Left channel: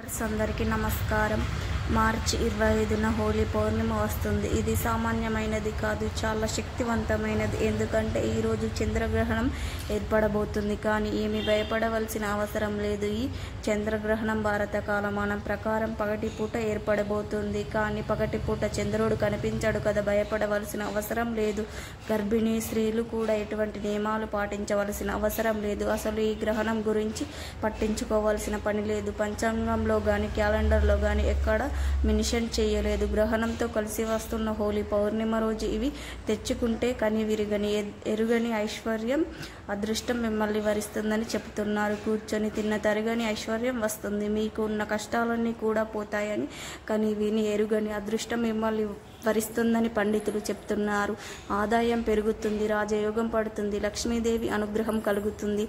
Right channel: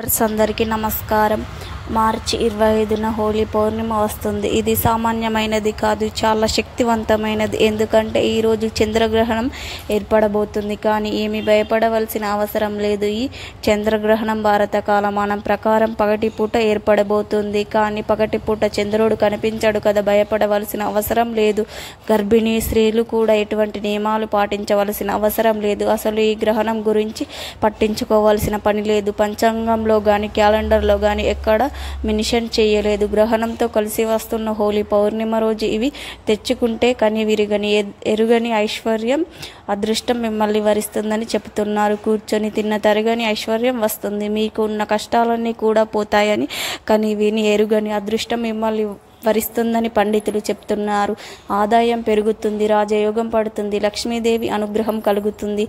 అందరికీ నమస్కారం. మార్చి 25న హోలీ పౌర్ణిమ వస్తుంది. ఇది సామాన్యమైనది కాదు, చాలా శక్తివంతమైనది. ఎందుకంటే ఈరోజు చంద్రగ్రహణం ఏర్పడబోతుంది. కానీ ఏమీ భయపడవలసిన అవసరం లేదు. ఈ చంద్రగ్రహణం భారత కాలమానం ప్రకారం పగటిపూట ఏర్పడబోతుంది. కానీ పగటిపూట చంద్రుడు కనిపించడు కదా, భయపడవలసిన అవసరం లేదు. గర్భిణీ స్త్రీలు కూడా ఎటువంటి నియమాలు పాటించవలసిన అవసరం లేదు. అసలు ఈ గ్రహణం గురించి పట్టించుకోవాల్సిన పని లేదు. పంచాంగంలో కానీ క్యాలెండర్లో కానీ ఎక్కడ మెన్షన్ చేయలేదు. గ్రహణంతో కలిసి వస్తున్న హోలీ పౌర్ణిమ రోజు ఇవి తెచ్చుకుంటే కని విరిగని ఎరుగని ఐశ్వర్యం, అదృష్టం మిమ్మల్ని వరిస్తుందని చెబుతున్నారు. కూర్చొని తిన్న తరగని ఐశ్వర్యం వస్తుంది. మీకు ఉన్న కష్టాలన్నీ కూడా పోతాయని, కని విని ఎరుగని అదృష్టం మిమ్మల్ని వరిస్తుందని పండితులు చెప్తున్నారు. ఆదాయం పెరుగుతుంది, రాజయోగం పడుతుంది, లక్ష్మీదేవి అనుగ్రహం కలుగుతుంది.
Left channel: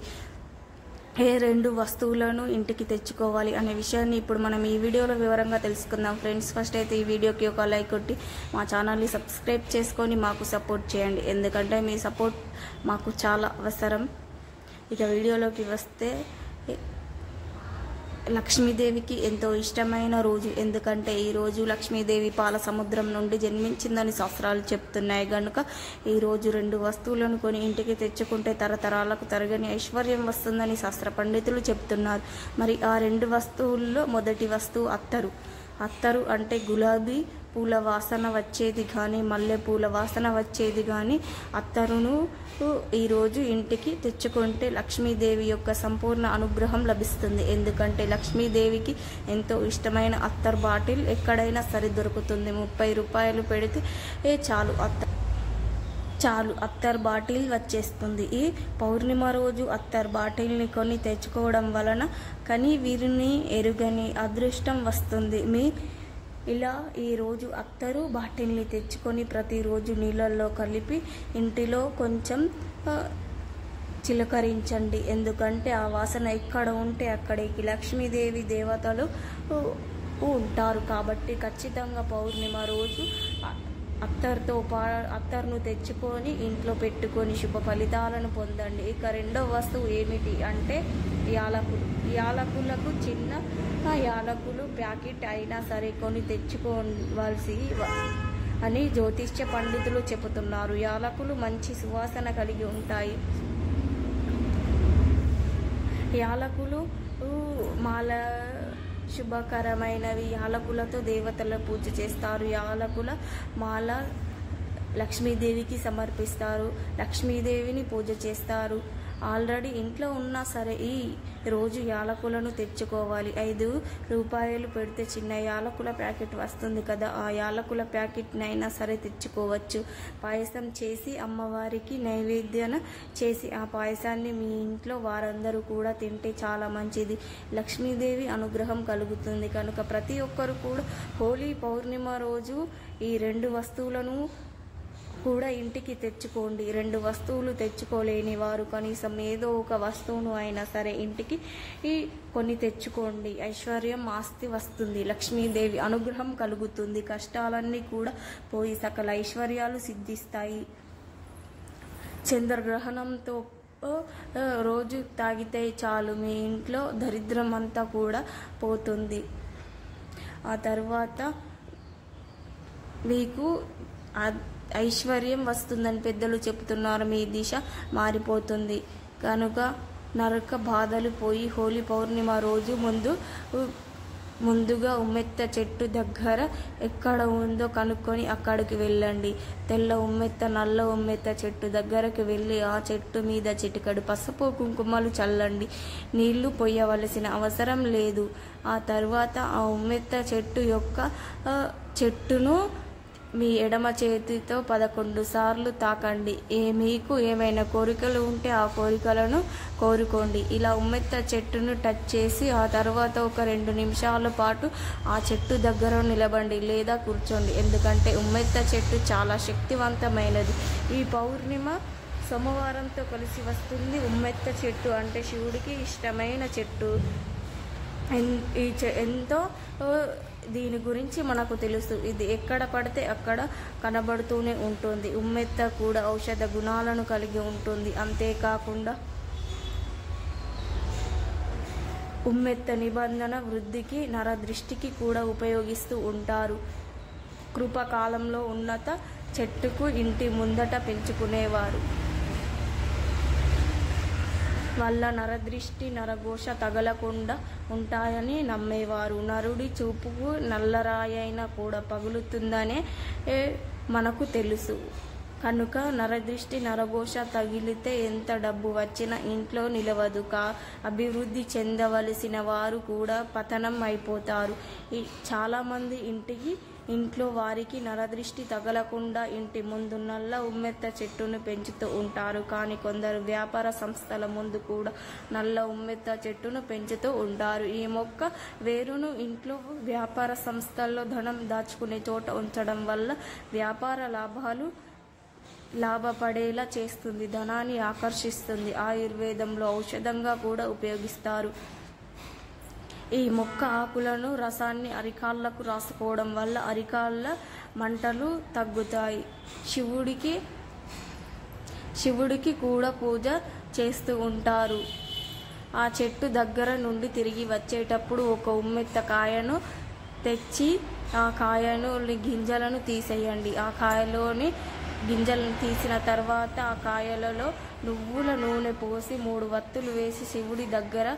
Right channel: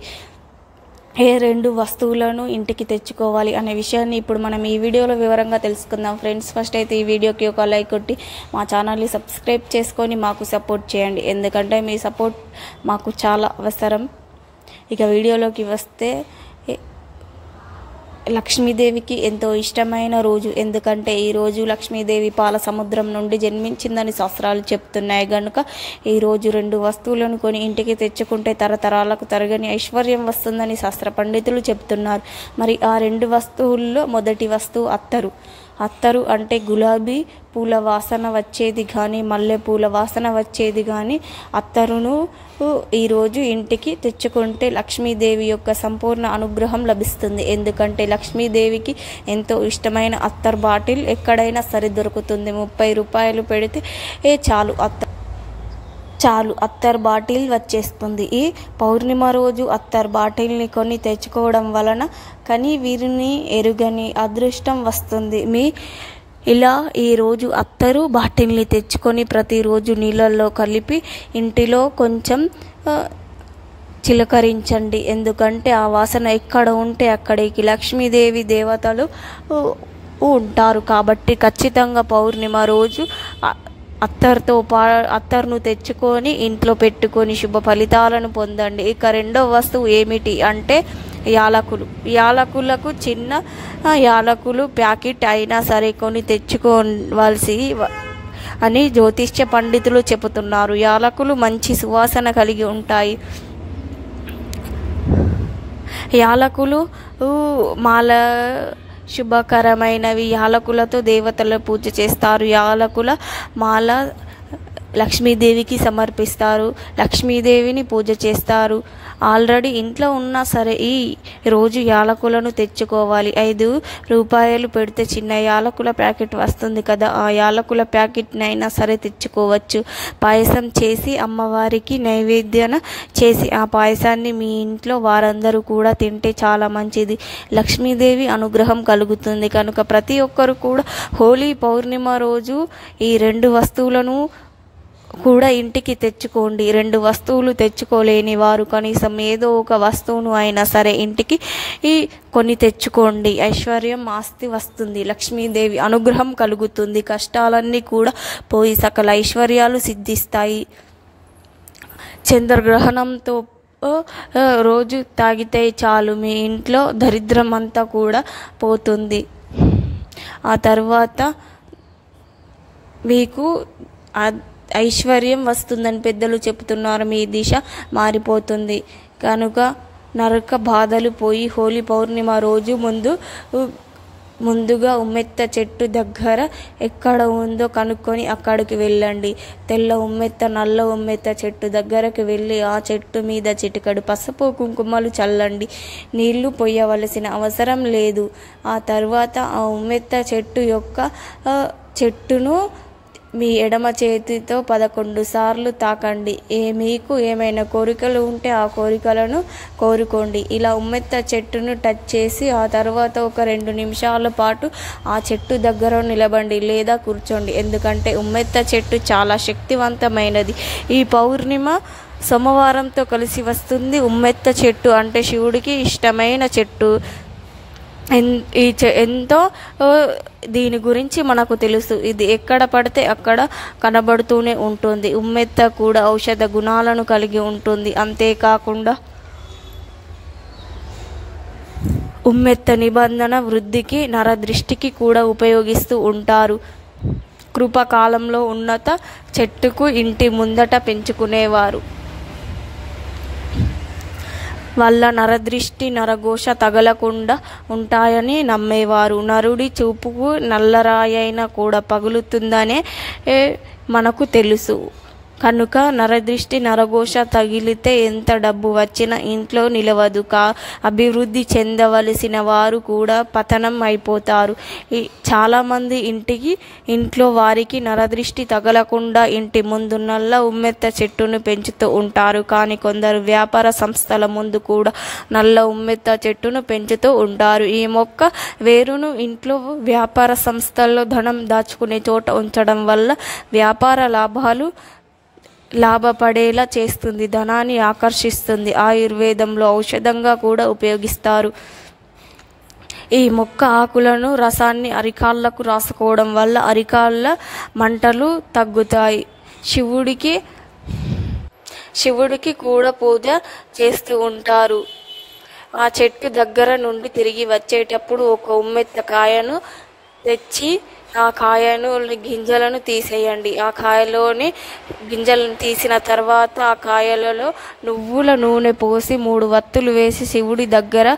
ఏ రెండు వస్తువులను ఇంటికి తెచ్చుకోవాలి అనే విషయాన్ని ఇప్పుడు మనం ఈ వీడియోలో వివరంగా తెలుసుకుందాం. ఫ్రెండ్స్, ఫస్ట్ అయితే ఈ వీడియోకి ఒక లైక్ కొట్టి మా ఛానల్ని సబ్స్క్రైబ్ చేసుకొని మాకు సపోర్ట్ చేయండి. ఎందుకంటే మీ సపోర్ట్ మాకు చాలా అవసరం. ఇక వీడియోలోకి వస్తే, లక్ష్మీదేవికి ఎంతో ఇష్టమైన రోజు. ఎందుకంటే ఈరోజు లక్ష్మీదేవి పాల సముద్రం నుండి జన్మించిందని శాస్త్రాలు చెప్తున్నాయి. కనుక ఈరోజు రెండు వస్తువులను కొని ఇంటికి తెచ్చుకుంటే తరతరాలకు తరగని ఐశ్వర్యం వస్తుందని శాస్త్ర పండితులు చెప్తున్నారు. మరి ఆ రెండు వస్తువుల్లో మొదటి వస్తువు అత్తరు. అత్తరు అంటే గులాబీ పూల వాసన వచ్చేది కానీ, మల్లె పూల వాసన వచ్చేది కానీ అత్తరును ఈరోజు ఇంటికి తెచ్చుకుంటే లక్ష్మీదేవి యొక్క సంపూర్ణ అనుగ్రహం లభిస్తుంది. ఎందుకంటే లక్ష్మీదేవికి ఎంతో ఇష్టమైన అత్తర్ బాటిల్ ఎక్కడైనా సరే దొరుకుతుంది. 30 రూపాయలు పెడితే చాలు అత్తర్ బాటిల్ వచ్చేస్తుంది. ఈ పౌర్ణిమ రోజు అత్తర్ బాటిల్ని కొని తెచ్చుకోవడం వలన కానీ వీరిని ఎరుగని అదృష్టం వస్తుంది. ఇలా ఈరోజు అత్తరు బాటిల్ని తెచ్చుకొని ప్రతిరోజు నీళ్ళల్లో కలిపి ఇంటిలో కొంచెం చిలకరించండి. ఎందుకంటే ఆ వాసన ఎక్కడ ఉంటే అక్కడికి లక్ష్మీదేవి దేవతలు ఉంటారు. కాబట్టి ఖచ్చితంగా పౌర్ణిమ రోజు అత్తర్ను తెచ్చుకొని ఇంట్లో పెట్టుకొని శుభ ఫలితాలను పొందండి. ఇక రెండో వస్తువు ఏమిటి అంటే యాలకులు. యాలకులకు చిన్న యాలకులు ప్యాకెట్ అయినా సరే కొని తెచ్చుకోవాల్సి అని జ్యోతిష్య పండితులు చెబుతున్నారు. యాలకులు మంచి సువాసన కలిగి ఉంటాయి. యాలకులు మాల శుభకరమైనవి. యాలకులతో దేవతల పూజ చేస్తారు. యాలకుల మాల లక్ష్మీదేవికి సమర్పిస్తారు. లక్ష్మీదేవిని పూజ చేస్తారు. ఆల్రెడీ ఇంట్లో ఉన్నా సరే ఈ రోజు యాలకులను తెచ్చుకోవాలి. 5 రూపాయలు పెడితే చిన్న యాలకుల ప్యాకెట్ వస్తుంది కదా, ఆ యాలకుల ప్యాకెట్నైనా సరే తెచ్చుకోవచ్చు. పాయసం చేసి అమ్మవారికి నైవేద్యం చేసి ఆ పాయసాన్ని మీ ఇంట్లో వారందరూ కూడా తింటే చాలా మంచిది. లక్ష్మీదేవి అనుగ్రహం కలుగుతుంది. కనుక ప్రతి ఒక్కరు కూడా హోలీ పౌర్ణిమ రోజు ఈ రెండు వస్తువులను కూడా ఇంటికి తెచ్చుకోండి. రెండు వస్తువులు తెచ్చుకోలేని వారు కనీసం ఏదో ఒక వస్తువును అయినా సరే ఇంటికి కొని తెచ్చుకోండి. ఐశ్వర్యం, ఆస్తి వస్తుంది. లక్ష్మీదేవి అనుగ్రహం కలుగుతుంది. కష్టాలన్నీ కూడా పోయి సకల ఐశ్వర్యాలు సిద్ధిస్తాయి. చంద్రగ్రహణంతో రోజు తాగితే చాలు మీ ఇంట్లో దరిద్రం అంతా కూడా పోతుంది. ఆ తర్వాత మీకు ఐశ్వర్యం వస్తుందని పెద్దలు చెబుతున్నారు. మీ దిశ మారిపోతుంది. కనుక నరక బాధలు పోయి హోలీ పౌర్ణిమ రోజు ముందుగా ఉమ్మెత్త చెట్టు దగ్గర ఎక్కడ ఉందో కనుక్కొని అక్కడికి వెళ్ళండి. తెల్ల ఉమ్మెత్త, నల్ల ఉమ్మెత్త చెట్టు దగ్గరకు వెళ్ళి ఆ చెట్టు మీద చిటికడు పసుపు కుంకుమలు చల్లండి. నీళ్లు పోయవలసిన అవసరం లేదు. ఆ తర్వాత ఆ ఉమ్మెత్త చెట్టును మీ ఎడమ చేతితో 11 సార్లు తాకండి. మీకు ఏమైనా కోరికలు ఉంటే ఆ కోరికలను కోరుకోండి. ఇలా ఉమ్మెత్త చెట్టును టచ్ చేసి ఆ తర్వాత ఒక 2 నిమిషాల పాటు ఆ చెట్టు దగ్గర నిలబండి లేదా కూర్చోండి. ఎందుకంటే ఉమ్మెత్త చెట్టు చాలా శక్తివంతమైనది. ఈ పౌర్ణిమ సోమవారంతో కలిసి వస్తుంది. ఉమ్మెత్త చెట్టు అంటే శివుడికి ఇష్టమైన చెట్టు. ఎంతో దీని గురించి మనకు తెలుసు. ఇది ఎక్కడ పడితే అక్కడ కనబడుతూనే ఉంటుంది. ఉమ్మెత్త కూడా ఔషధ గుణాలను కలిగి ఉంటుంది. అంతేకాకుండా ఉమ్మెత్త నిబంధన వృద్ధికి నరదృష్టికి కూడా ఉపయోగిస్తూ ఉంటారు. కృపకాలంలో ఉన్నత చెట్టుకు ఇంటి ముందట పెంచుకునేవారు వల్ల నరదృష్టి నరఘోష తగలకుండా ఉంటాయని నమ్మేవారు. నరుడి చూపుకు నల్లరాయైనా కూడా పగులుతుందనే మనకు తెలుసు. కనుక నరదృష్టి నరఘోష తగిలితే ఎంత డబ్బు వచ్చినా ఇంట్లో నిలవదు. అభివృద్ధి చెందవలసిన వారు కూడా పతనం అయిపోతారు. చాలామంది ఇంట్లో వారికి నరదృష్టి తగలకుండా ఇంటి ముందు నల్ల ఉమ్మెత్త చెట్టును పెంచుతూ ఉంటారు. కానీ కొందరు వ్యాపార సంస్థల ముందు కూడా నల్ల ఉమ్మెత్త చెట్టును పెంచుతూ ఉంటారు. ఈ మొక్క వేరును ఇంట్లో వ్యాపార సంస్థల్లో ధనం దాచుకునే చోట ఉంచడం వల్ల వ్యాపార లాభపడేలా చేస్తుంది, ధనాన్ని ఆకర్షిస్తుంది. ఆయుర్వేదంలో ఔషధంగా కూడా ఉపయోగిస్తారు. ఈ మొక్క ఆకులను రసాన్ని అరికాళ్ళకు రాసుకోవడం వల్ల అరికాళ్ళ మంటలు తగ్గుతాయి. శివుడికి కూడా పూజ చేస్తూ ఉంటారు. ఆ చెట్టు దగ్గర నుండి తిరిగి వచ్చేటప్పుడు ఒక ఉమ్మెత్త కాయను తెచ్చి ఆ గింజలను తీసేయండి. ఆ కాయలోని గింజలను తీసిన తర్వాత ఆ కాయలలో నువ్వుల నూనె పోసి 3 వత్తులు వేసి శివుడి దగ్గర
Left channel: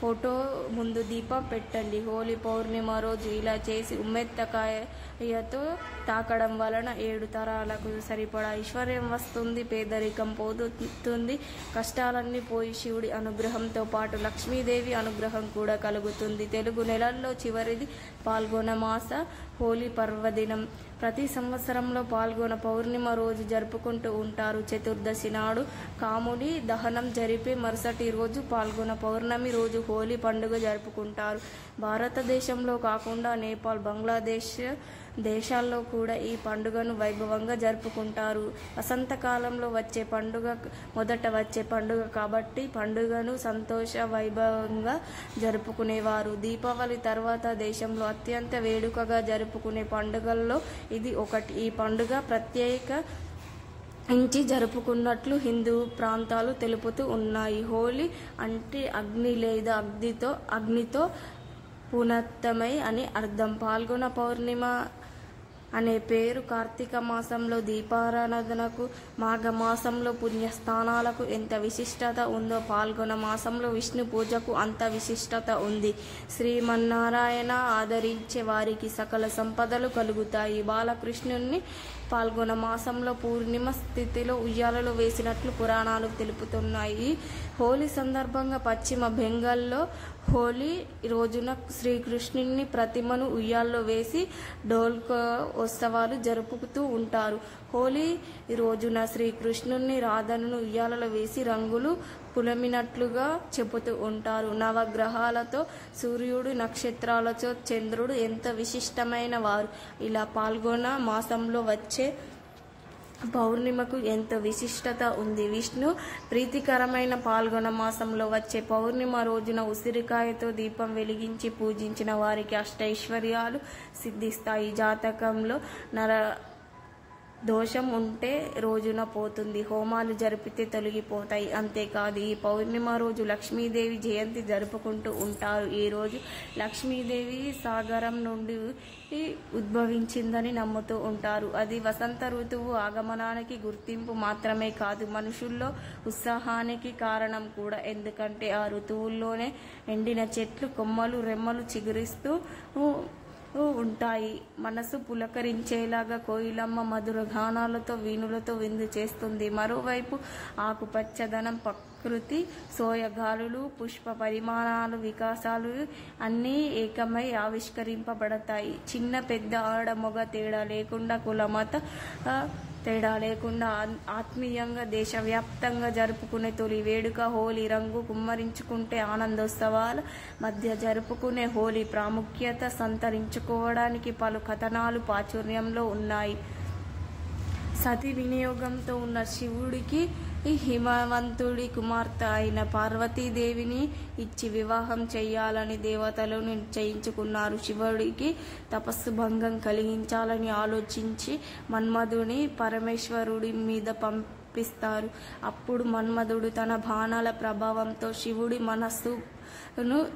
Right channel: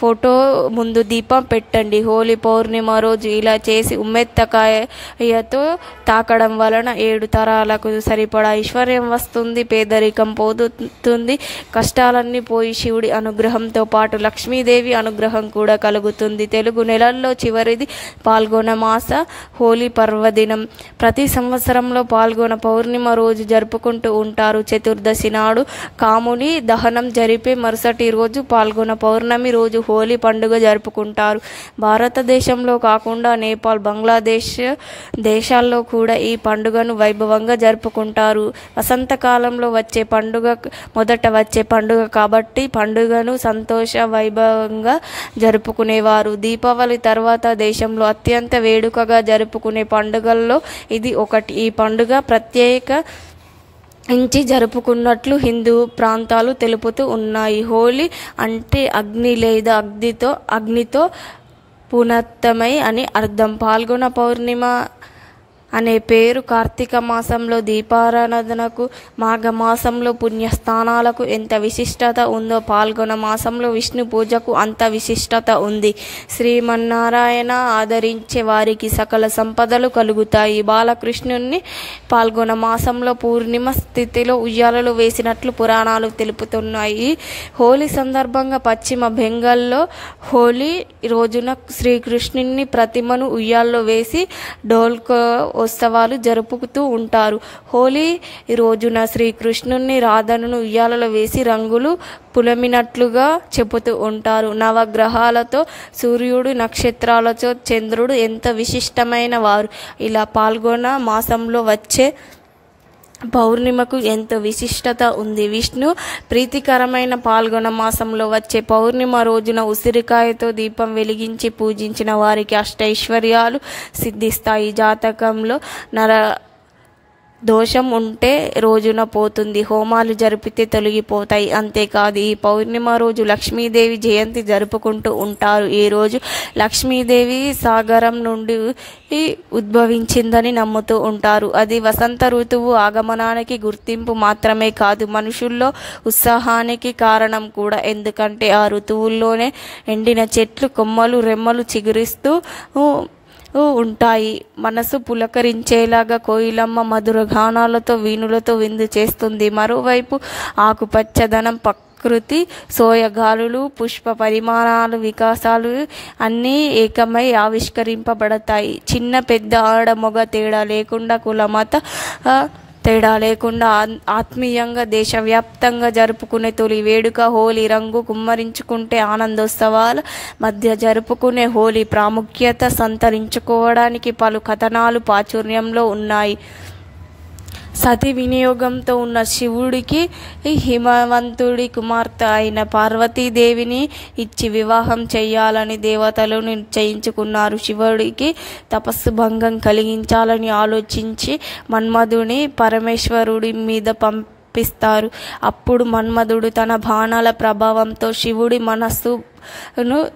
ఫోటో ముందు దీపం పెట్టండి. హోలీ పౌర్ణిమ రోజు ఇలా చేసి ఉమ్మెత్తకాయతో తాకడం వలన 7 తరాలకు సరిపడా ఐశ్వర్యం వస్తుంది, పేదరికం పోతుంది, కష్టాలన్నీ పోయి శివుడి అనుగ్రహంతో పాటు లక్ష్మీదేవి అనుగ్రహం కూడా కలుగుతుంది. తెలుగు నెలల్లో చివరిది పాల్గొన మాస హోలీ పర్వదినం. ప్రతి సంవత్సరంలో పాల్గొన పౌర్ణిమ రోజు జరుపుకుంటూ ఉంటారు. చతుర్దశి నాడు కాముని దహనం జరిపే మరుసటి రోజు పాల్గొన పౌర్ణమి రోజు హోలీ పండుగ జరుపుకుంటారు. భారతదేశంలో కాకుండా నేపాల్, బంగ్లాదేశ్ దేశాల్లో కూడా ఈ పండుగను వైభవంగా జరుపుకుంటారు. వసంతకాలంలో మొదట వచ్చే పండుగ కాబట్టి పండుగను సంతోష వైభవంగా జరుపుకునేవారు. దీపావళి తర్వాత దేశంలో అత్యంత వేడుకగా జరుపుకునే పండుగల్లో ఇది ఒకటి. ఈ పండుగ ప్రత్యేకించి జరుపుకున్నట్లు హిందూ ప్రాంతాలు తెలుపుతూ ఉన్నాయి. హోలీ అంటే అగ్ని లేదా అగ్నితో పునత్తమై అని అర్థం. పాల్గొన పౌర్ణిమ అనే పేరు కార్తీక మాసంలో దీపారాధనకు, మాఘమాసంలో పుణ్యస్థానాలకు ఎంత విశిష్టత ఉందో పాల్గొన మాసంలో విష్ణు పూజకు అంత విశిష్టత ఉంది. శ్రీమన్నారాయణ ఆదరించే వారికి సకల సంపదలు కలుగుతాయి. బాలకృష్ణుని పాల్గొన మాసంలో పూర్ణిమ స్థితిలో ఉయ్యాలలు వేసినట్లు పురాణాలు తెలుపుతున్నాయి. హోలీ సందర్భంగా పశ్చిమ బెంగాల్లో హోలీ రోజున శ్రీకృష్ణుని ప్రతిమను ఉయ్యాల్లో వేసి డోల్కో ఉత్సవాలు జరుపుతూ ఉంటారు. హోలీ రోజున శ్రీకృష్ణుని రాధను ఉయ్యాలలో వేసి రంగులు పులమినట్లుగా చెబుతూ ఉంటారు. నవగ్రహాలతో, సూర్యుడు, నక్షత్రాలతో చంద్రుడు ఎంత విశిష్టమైన వారు. ఇలా పాల్గొన మాసంలో వచ్చే పౌర్ణిమకు ఎంతో విశిష్టత ఉంది. విష్ణు ప్రీతికరమైన పాల్గొన మాసంలో వచ్చే పౌర్ణిమ రోజున ఉసిరికాయతో దీపం వెలిగించి పూజించిన వారికి అష్టైశ్వర్యాలు సిద్ధిస్తాయి. జాతకంలో దోషం ఉంటే రోజున పోతుంది, హోమాలు జరిపితే తొలగిపోతాయి. అంతేకాదు ఈ పౌర్ణిమ రోజు లక్ష్మీదేవి జయంతి జరుపుకుంటూ ఉంటారు. ఈ రోజు లక్ష్మీదేవి సాగరం నుండి ఉద్భవించిందని నమ్ముతూ ఉంటారు. అది వసంత ఋతువు ఆగమనానికి గుర్తింపు మాత్రమే కాదు, మనుషుల్లో ఉత్సాహానికి కారణం కూడా. ఎందుకంటే ఆ ఋతువుల్లోనే ఎండిన చెట్లు కొమ్మలు రెమ్మలు చిగురిస్తూ ఉంటాయి. మనసు పులకరించేలాగా కోయిలమ్మ మధుర గానాలతో వీణులతో విందు చేస్తుంది. మరోవైపు ఆకుపచ్చదనం, ప్రకృతి సోయగాలులు, పుష్ప పరిమాణాలు, వికాసాలు అన్నీ ఏకమై ఆవిష్కరింపబడతాయి. చిన్న పెద్ద ఆడ మొగ తేడా లేకుండా, కుల మత తేడా లేకుండా ఆత్మీయంగా దేశవ్యాప్తంగా జరుపుకునే తొలి వేడుక హోలీ. రంగు కుమ్మరించుకుంటే ఆనందోత్సవాల మధ్య జరుపుకునే హోలీ ప్రాముఖ్యత సంతరించుకోవడానికి పలు కథనాలు ప్రాచుర్యంలో ఉన్నాయి. సతి వినియోగంతో ఉన్న శివుడికి హిమవంతుడి కుమార్తె అయిన పార్వతీదేవిని ఇచ్చి వివాహం చేయాలని దేవతలు నిశ్చయించుకున్నారు. శివుడికి తపస్సు భంగం కలిగించాలని ఆలోచించి మన్మధుని పరమేశ్వరుడి మీద తప్పిస్తారు. అప్పుడు మన్మధుడు తన బాణాల ప్రభావంతో శివుడి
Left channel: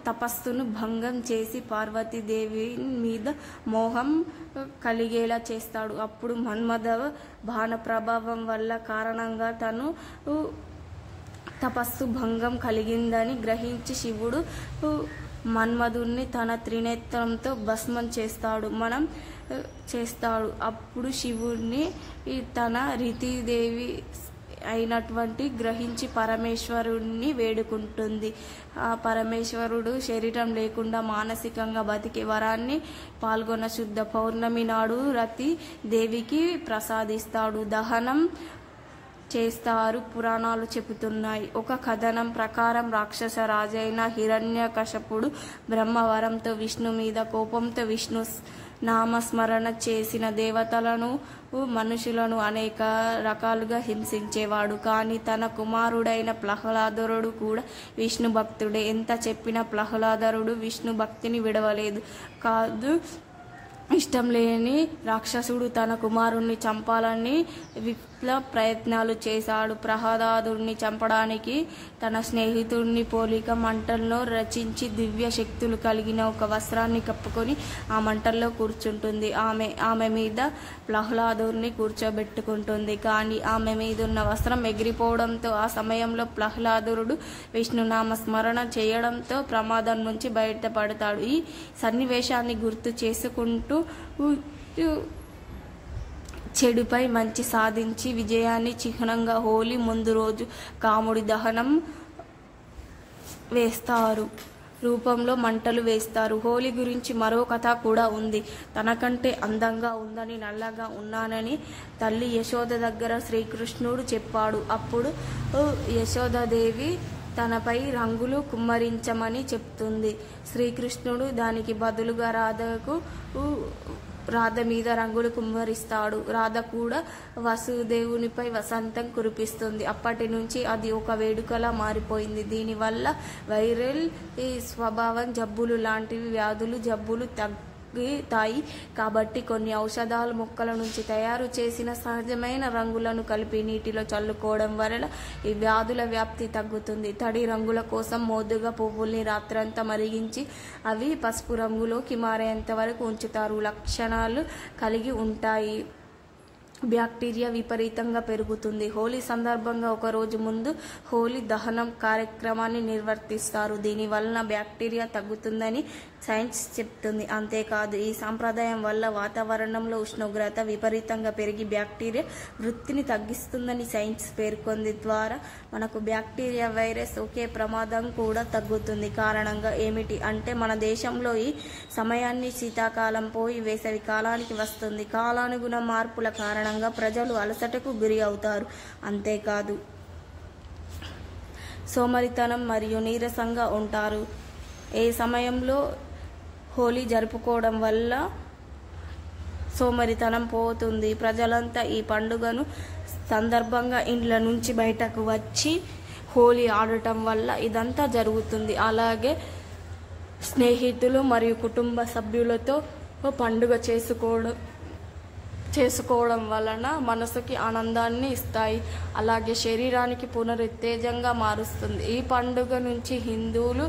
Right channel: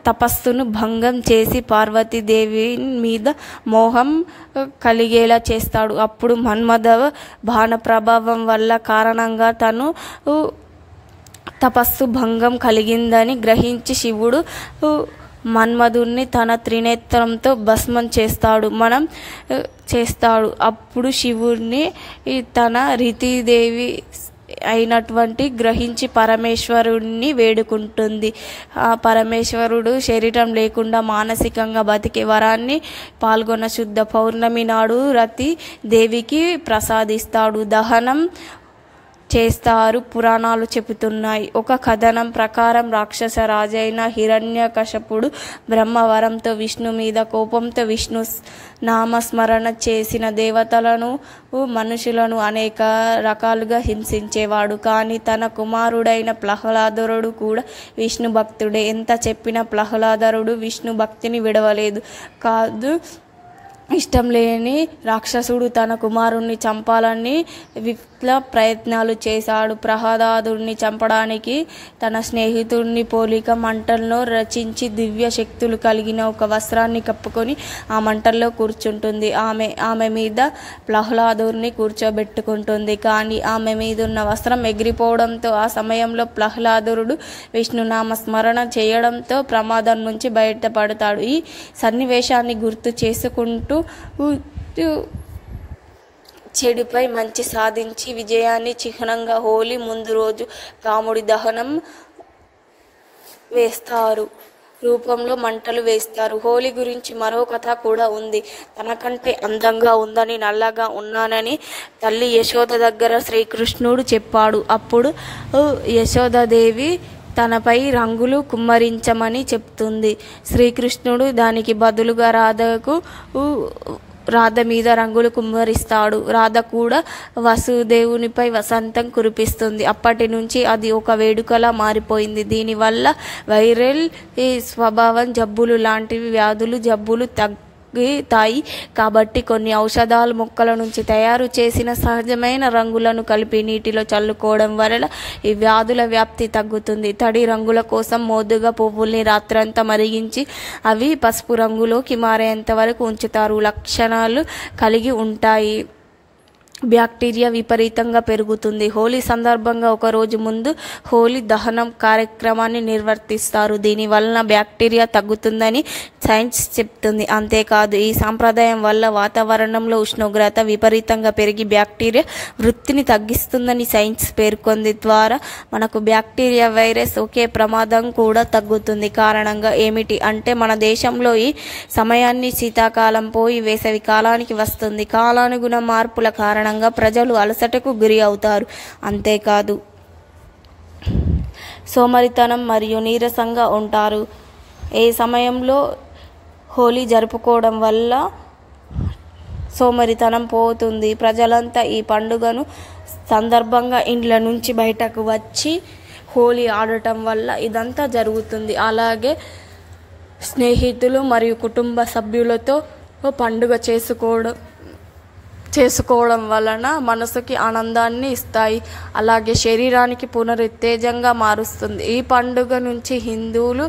తపస్సును భంగం చేసి పార్వతీదేవి మీద మోహం కలిగేలా చేస్తాడు. అప్పుడు మన్మథ బాణ ప్రభావం వల్ల కారణంగా తను తపస్సు భంగం కలిగిందని గ్రహించి శివుడు మన్మధుడిని తన త్రినేత్రంతో భస్మం చేస్తాడు. అప్పుడు శివుడిని తన రతీదేవి అయినటువంటి గ్రహించి పరమేశ్వరుడిని వేడుకుంటుంది. ఆ పరమేశ్వరుడు శరీరం లేకుండా మానసికంగా బతికే వరాన్ని పాల్గొన్న శుద్ధ పౌర్ణమి నాడు రతి దేవికి ప్రసాదిస్తాడు. దహనం చేస్తారు పురాణాలు చెబుతున్నాయి. ఒక కథనం ప్రకారం రాక్షస రాజైన హిరణ్యకశపుడు బ్రహ్మవరంతో విష్ణు మీద కోపంతో విష్ణు నామస్మరణ చేసిన దేవతలను మనుషులను అనేక రకాలుగా హింసించేవాడు. కానీ తన కుమారుడైన ప్రహ్లాదుడు కూడా విష్ణు భక్తుడే. ఎంత చెప్పినా ప్రహ్లాదుడు విష్ణు భక్తిని విడవలేదు. ఇష్టం లేని రాక్షసుడు తన కుమారుణ్ణి చంపాలని విప్లవ ప్రయత్నాలు చేశాడు. ప్రహ్లాదుడిని చంపడానికి తన స్నేహితుడిని పోలిక మంటల్లో రచించి దివ్య శక్తులు కలిగిన ఒక వస్త్రాన్ని కప్పుకొని ఆ మంటల్లో కూర్చుంటుంది. ఆమె మీద ప్రహ్లాదుడిని కూర్చోబెట్టుకుంటుంది. కానీ ఆమె మీదున్న వస్త్రం ఎగిరిపోవడంతో ఆ సమయంలో ప్రహ్లాదుడు విష్ణునామ స్మరణ చేయడంతో ప్రమాదం నుంచి బయటపడతాడు. ఈ సన్నివేశాన్ని గుర్తు చేసుకుంటూ చెడుపై మంచి సాధించి విజయాన్ని చిహ్నంగా హోలీ ముందు రోజు కాముడి దహనం రూపంలో మంటలు వేస్తారు. హోలీ గురించి మరో కథ కూడా ఉంది. తనకంటే అందంగా ఉందని నల్లగా ఉన్నానని తల్లి యశోద దగ్గర శ్రీకృష్ణుడు చెప్పాడు. అప్పుడు యశోదాదేవి తనపై రంగులు కుమ్మరించమని చెప్తుంది. శ్రీకృష్ణుడు దానికి బదులుగా రాధ మీద రంగులు కుమ్మరిస్తాడు. రాధ కూడా వసుదేవునిపై వసంతం కురిపిస్తుంది. అప్పటి నుంచి అది ఒక వేడుకలా మారిపోయింది. దీనివల్ల వైరల్ స్వభావం జబ్బులు లాంటివి జబ్బులు తగ్గుతాయి. కాబట్టి కొన్ని ఔషధాల మొక్కల నుంచి తయారు చేసిన సహజమైన రంగులను కలిపి నీటిలో చల్లుకోవడం వలన ఈ వ్యాధుల వ్యాప్తి తగ్గుతుంది. తడి రంగుల కోసం మోదుగా పువ్వుల్ని రాత్రంతా మరిగించి అవి పసుపు రంగులోకి మారేంత వరకు ఉంచుతారు. లక్షణాలు కలిగి ఉంటాయి. బ్యాక్టీరియా విపరీతంగా పెరుగుతుంది. హోలీ సందర్భంగా ఒక రోజు ముందు హోలీ దహనం కార్యక్రమాన్ని నిర్వర్తిస్తారు. దీనివలన బ్యాక్టీరియా తగ్గుతుందని సైన్స్ చెప్తుంది. అంతేకాదు ఈ సాంప్రదాయం వల్ల వాతావరణంలో ఉష్ణోగ్రత విపరీతంగా పెరిగి బ్యాక్టీరియా వృత్తిని తగ్గిస్తుందని సైన్స్ పేర్కొంది. ద్వారా మనకు బ్యాక్టీరియా వైరస్ ఒకే ప్రమాదం కూడా తగ్గుతుంది. కారణంగా ఏమిటి అంటే మన దేశంలో ఈ సమయాన్ని శీతాకాలం పోయి వేసవి కాలానికి వస్తుంది. కాలానుగుణ మార్పుల కారణంగా ప్రజలు అలసటకు గురి అవుతారు. అంతేకాదు సోమరితనం మరియు నీరసంగా ఉంటారు. ఏ సమయంలో హోలీ జరుపుకోవడం వల్ల సోమరితనం పోతుంది. ప్రజలంతా ఈ పండుగను సందర్భంగా ఇండ్ల నుంచి బయటకు వచ్చి హోలీ ఆడటం వల్ల ఇదంతా జరుగుతుంది. అలాగే స్నేహితులు మరియు కుటుంబ సభ్యులతో పండుగ చేసుకోవడం వలన మనసుకి ఆనందాన్ని ఇస్తాయి. అలాగే శరీరానికి పునరుత్తేజంగా మారుస్తుంది. ఈ పండుగ నుంచి హిందువులు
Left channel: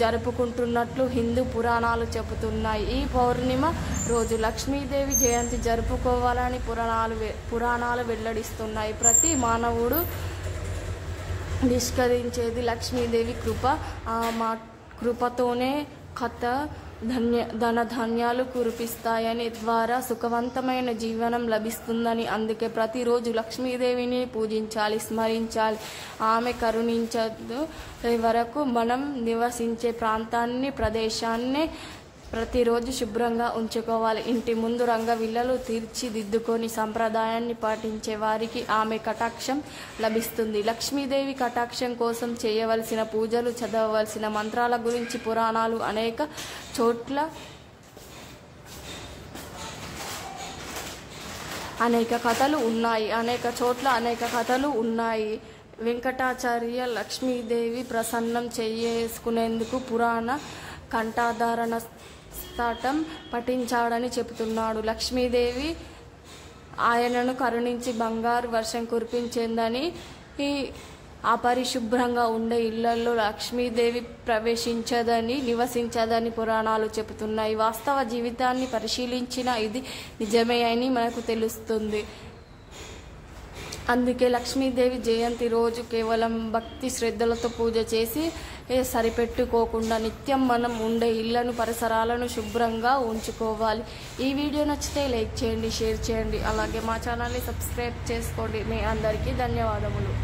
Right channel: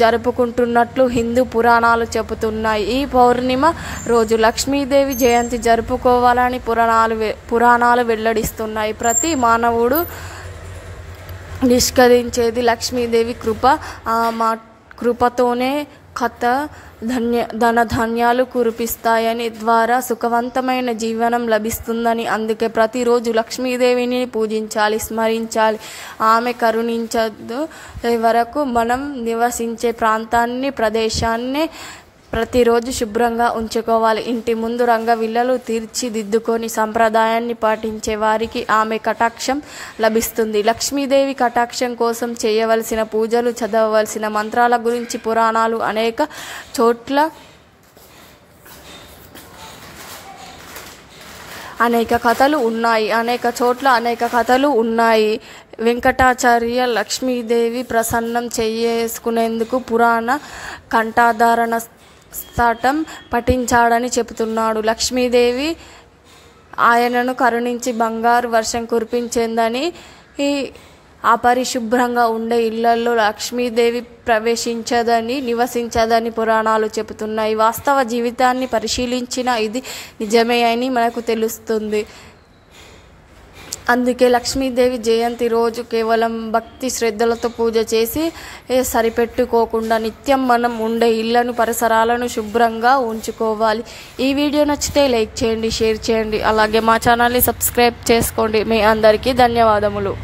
జరుపుకుంటున్నట్లు హిందూ పురాణాలు చెబుతున్నాయి. ఈ పౌర్ణిమ రోజు లక్ష్మీదేవి జయంతి జరుపుకోవాలని పురాణాలు వెల్లడిస్తున్నాయి. ప్రతి మానవుడు నిష్కరించేది లక్ష్మీదేవి కృప. మా కృపతోనే ధనధాన్యాలు కురిపిస్తాయని ద్వారా సుఖవంతమైన జీవనం లభిస్తుందని. అందుకే ప్రతిరోజు లక్ష్మీదేవిని పూజించాలి, స్మరించాలి. ఆమె కరుణించదు వరకు మనం నివసించే ప్రదేశాన్ని ప్రతిరోజు శుభ్రంగా ఉంచుకోవాలి. ఇంటి ముందు రంగవిల్లలు తీర్చిదిద్దుకొని సంప్రదాయాన్ని పాటించే వారికి ఆమె కటాక్షం లభిస్తుంది. లక్ష్మీదేవి కటాక్షం కోసం చేయవలసిన పూజలు, చదవవలసిన మంత్రాల గురించి పురాణాలు అనేక చోట్ల అనేక కథలు ఉన్నాయి. వెంకటాచార్య లక్ష్మీదేవి ప్రసన్నం చేసుకునేందుకు పురాణ కంఠాధారణ స్తోత్రం పఠించాడని చెబుతున్నాడు. లక్ష్మీదేవి ఆయనను కరుణించి బంగారు వర్షం కురిపించిందని, అపరిశుభ్రంగా ఉండే ఇళ్లలో లక్ష్మీదేవి ప్రవేశించదని, నివసించదని పురాణాలు చెబుతున్నాయి. వాస్తవ జీవితాన్ని పరిశీలించిన ఇది నిజమే అని మనకు తెలుస్తుంది. అందుకే లక్ష్మీదేవి జయంతి రోజు కేవలం భక్తి శ్రద్ధలతో పూజ చేసి సరిపెట్టుకోకుండా నిత్యం మనం ఉండే ఇళ్లను, పరిసరాలను శుభ్రంగా ఉంచుకోవాలి. ఈ వీడియో నచ్చితే లైక్ చేయండి, షేర్ చేయండి, అలాగే మా ఛానల్ని సబ్స్క్రైబ్ చేసుకోండి. మీ అందరికీ ధన్యవాదములు.